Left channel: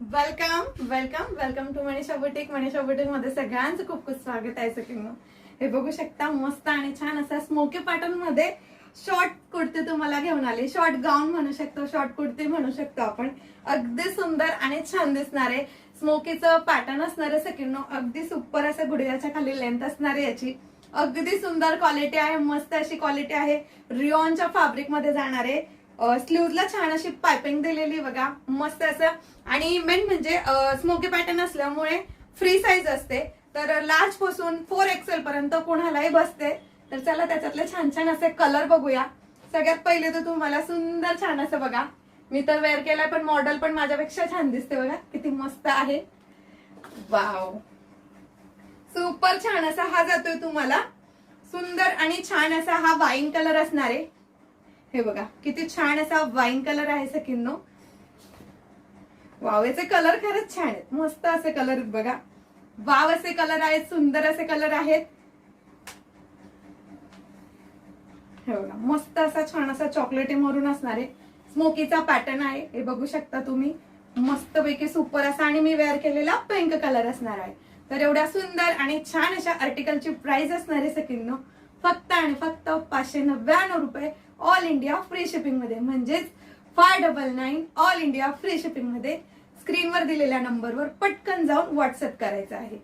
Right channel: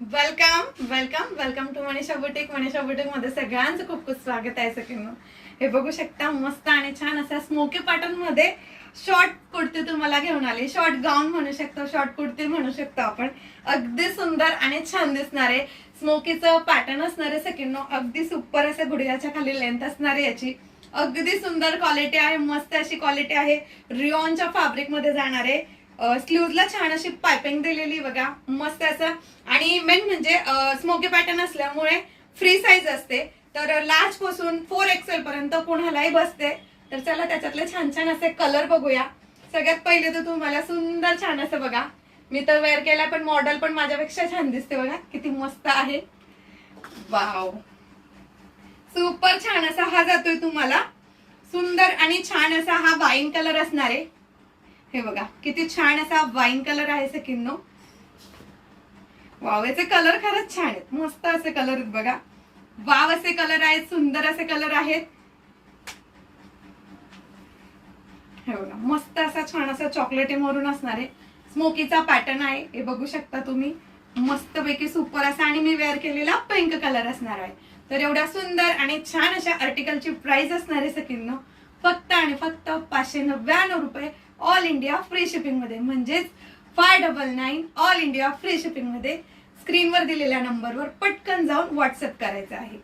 Welcome welcome welcome to Manisha boutique मध्ये सगळ्यांचं खूप खूप स्वागत आहे सगळ्यांना। हे बघू शकता मस्त आणि छान असा स्मोकी पॅटर्न मध्ये शॉर्ट कुर्ती तुम्हाला घेऊन आली। शॉर्ट गाऊन म्हणू शकतो, शॉर्ट कुर्ती म्हणू शकतो आपण। अगदी सुंदर आणि छान दिसणारे स्मोकीचं पॅटर्न असणारे सगळ्यांना, अगदी सुपर असं गुडघ्याच्या खाली लेंथ असणारे याची अगदी सुंदर क्वालिटी आहे, मस्त अशी क्वालिटी आहे। रिओनच्या फॅब्रिक मध्ये जाणारे स्लीव्हजला छान अशी पाइपिंग दिलेली बघा, मस्त असं। आणि मेन म्हणजे स्मोकी पॅटर्न असल्यामुळे फ्री साईज असते, तर लार्ज पासून 4XL पर्यंत कोणालाही बसते। तर चला त्याच्यातले छान छान असे कलर बघूया। सगळ्यात पहिले तर तुम्हाला सुंदर छान असं बघा, मी तर वेअर केला पण मॉडेल पण माझ्यापेक्षा छान दिसते बघा, किती मस्त आहे। वाव, सुपर छान असा हा जातोय तुम्हाला, सुंदर आणि छान असा हा वाईन कलर असणार आहे। हे बघा किती छान असा वाईन कलर आहे सकिन्नो। वाव, याचे कलर खरंच छान आहेत, मस्त असे कलर आहेत बघा। वाव असे कलर आहेत, सुंदर असे कलर आहेत। हे बघा मस्त असा छान असा चॉकलेटी मरून असणारे स्मोकीचा पॅटर्न आहे, हे बघू शकता तुम्ही। मस्त पैकी सुपर असा आणि मी वेअर केलेला पिंक कलर असणार आहे। तर एवढ्या सुंदर आणि छान अशा आर्टिकलची प्राइस असणार आहे सकिन्नो फक्त आणि फक्त 599 रुपये, ऑल इंडिया फ्री शिपिंग मध्ये, म्हणजेच 599 ऑल इंडिया फ्री शिपिंग मध्ये। स्क्रीनवर दिलेल्या नंबरवर पटकन जाऊन व्हॉट्सअप करायचं आहे।